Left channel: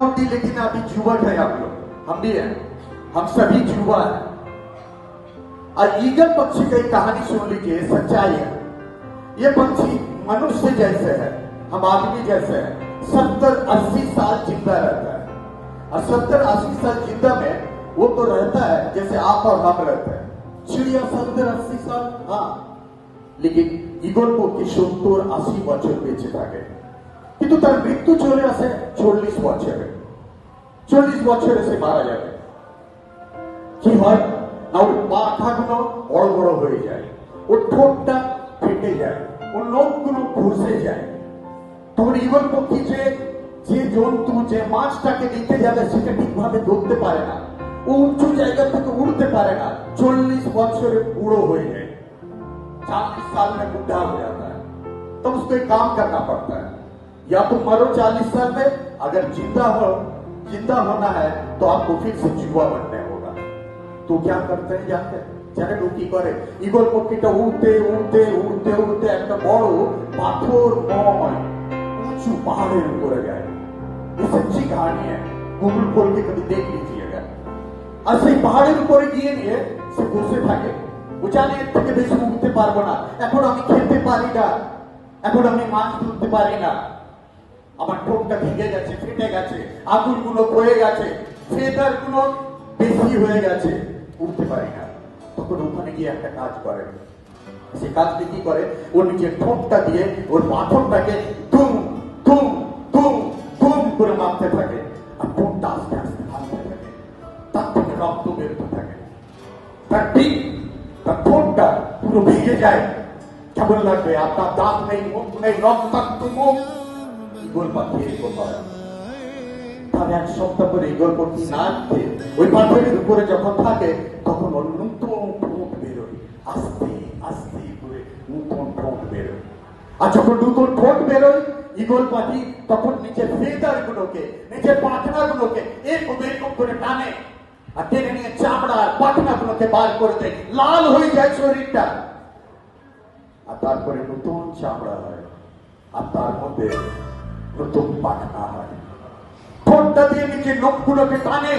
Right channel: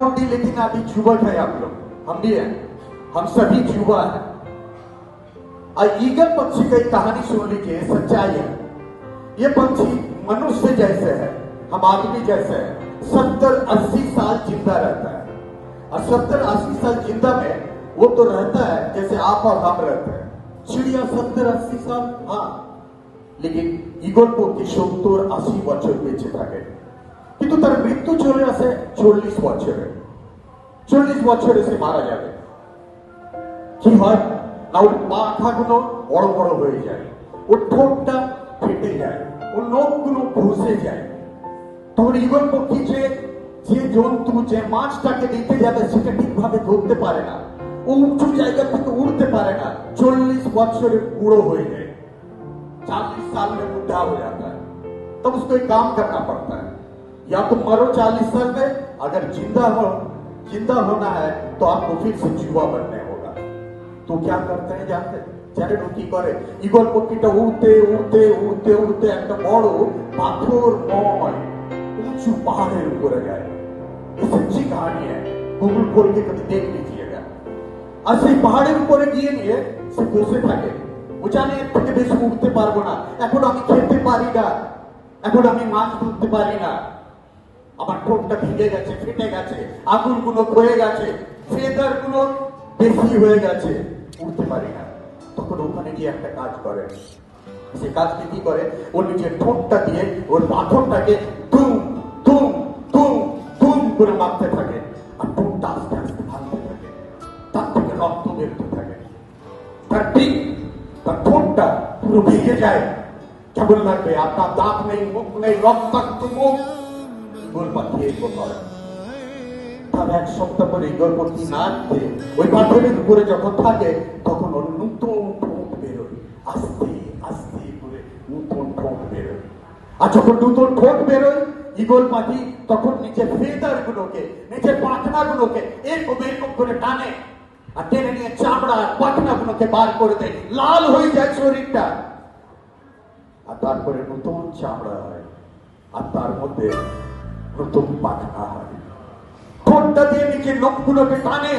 लेकिन अभी जुबल है आप लोग, हम भी हैं, हम सभी जुबा हैं। और ईगल पक्षी की एक कहानी सुन लीजिए, सच्चाई है। ये पक्षी मनुष्य जैसे है, हम आदमी जैसे है, 70-80 साल जिंदा रहता है। और 70-80 साल जिंदा में वो तो रहता है जैसे आप और हम रहते हैं। चिड़िया 70-80 साल, हाँ, लेकिन ईगल पक्षी 70-80 বছর বেঁচে থাকে, কিন্তু তার মৃত্যু চলে আসে 40 বছরে। 40 বছরে সে মারা যাবে। কি হয় না, ওর পাখাগুলো বড় বড় হয়ে যায়, ওর ঠোঁটটা ফেটে যায়, ওর নখগুলো ঘষে যায়। তখন ঈগল পক্ষী যে জন্তু, যে মাছটাকে নিতে যাবে সেটা ঠিকভাবে ধরতে পারে না, ও উঁচু জায়গা থেকে উঠতে পারে না। 40 বছরে বুড়ো হয়ে যায়, 40 साल में बूढ़ा हो जाता है। तब उसको एक काम करना पड़ता है, या तो मरो 40 साल में, अगर जिंदा होना है तो आपको फिर से जुआ बनने होगा। तो क्या करते हैं जानते हैं? जाने वो की करे, ঈগল পক্ষীটা উড়তে উড়তে উড়তে উড়তে একটা বড় পাথরময় উঁচু পাহাড়ের উপরে যায়। ये सच्ची कहानी है, गूगल खोल के कभी देख लीजिएगा। আর সেই পাহাড়ের উপরে গিয়ে নিয়ে সে বসে থাকে, ও জানে এর থেকে বেশি উঠতে পারবো না, এখন আমি খেতে পারি না, এখন আমি মাছ ধরতে পারি না, আমার ঠোঁটটা ভেঙে গেছে, ফেটে গেছে, আঙুলগুলো ক্ষয়ে গেছে, ফেদারগুলো বেশি হয়ে গেছে, উঠতে পারি না। তখন ওখানে গিয়ে একটা কাজ করে। সে কাজটি কি করে, ওর নিজের ঠোঁটটা দিয়ে ওর পাথরটাকে দুম দুম দুম দুম করে মারতে থাকে, আর ঠোঁটটা আস্তে আস্তে ভাঙতে থাকে, তার থেকে রক্ত বেরোতে থাকে। তার ঠিক তার ঠোঁটটা পুরো ভেঙে যায়। কেমন লাগবে? আপনার দাঁত নেই, মুখ নেই, রক্তাক্ত মুখ। ঈগল পাখি এরকম করে। তাহলে এক সপ্তাহ পরে ঈগল পাখি নাচতে ওই পাথরের উপরে যখন থাকে, তখন ওর নতুন ঠোঁট বেরোয়, আস্তে আস্তে করে নতুন ঠোঁট বেরোয়। আর যখন নতুন ঠোঁট বেরোয়, ঈগল পাখি তখন নিচের ফেদার গুলোকে, নিচের পাখনা গুলোকে এরকম এরকম করে টানে, আর টেনে নিয়ে চামড়া পাখনা গুলোকে বার করে দেয়, লাল হয়ে যায় শরীরটা। আর তারপরে নতুন চামড়া হয়, আর তার মধ্যে নতুন পাখনা হয়। ঠোঁটটা দিয়ে নিচে নখগুলোকে টানে,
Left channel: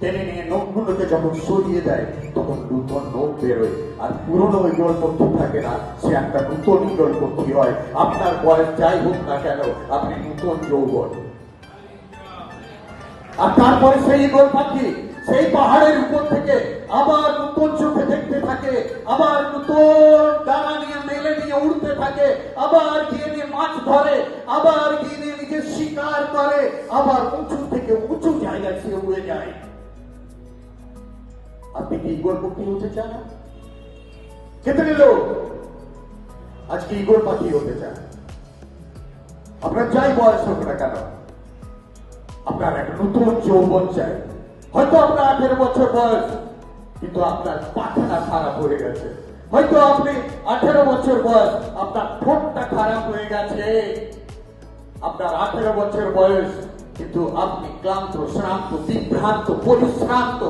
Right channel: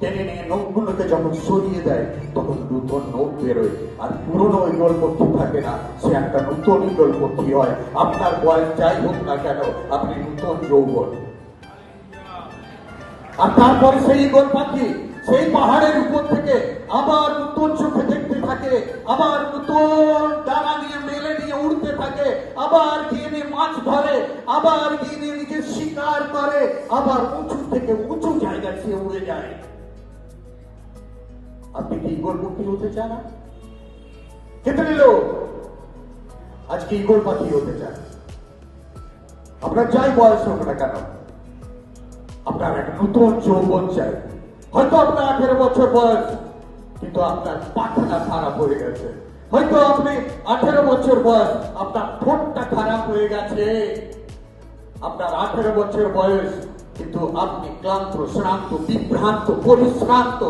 টেনে নিয়ে নখগুলোকে যখন সরিয়ে দেয়, তখন নতুন নখ বেরোয়। আর পুরনো ঈগল পক্ষী থাকে না, সে একটা নতুন ঈগল পক্ষী হয়। আপনার বয়স যাই হোক না কেন, আপনি নতুন যৌবন। আর তারপরে সেই ঈগল পাখি সেই পাহাড়ের উপর থেকে আবার নতুন চোখে দেখতে থাকে, আবার নতুন ডানা নিয়ে মেলে নিয়ে উড়তে থাকে, আবার গিয়ে নিয়ে মাছ ধরে, আবার গিয়ে নিয়ে নিজের শিকার করে, আবার উঁচু থেকে উঁচু জায়গায় সে উড়ে যায়। আপনি কি ঈগল পক্ষী হতে চান? কিতনে লোক আজকে ঈগল পাখি হতে চান? আপনার যাই বয়স হোক না কেন, আপনার একটা নতুন যৌবন চাই। হয়তো আপনার 18 বছর বয়স, কিন্তু আপনার পাখনা খারাপ হয়ে গেছে। হয়তো আপনি 18 বছর বয়স, আপনার ঠোঁটটা খারাপ হয়ে গেছে। আপনার 18 বছর বয়স, কিন্তু আপনি ক্লান্ত, শ্রান্ত, বিভ্রান্ত, পরিশ্রান্ত,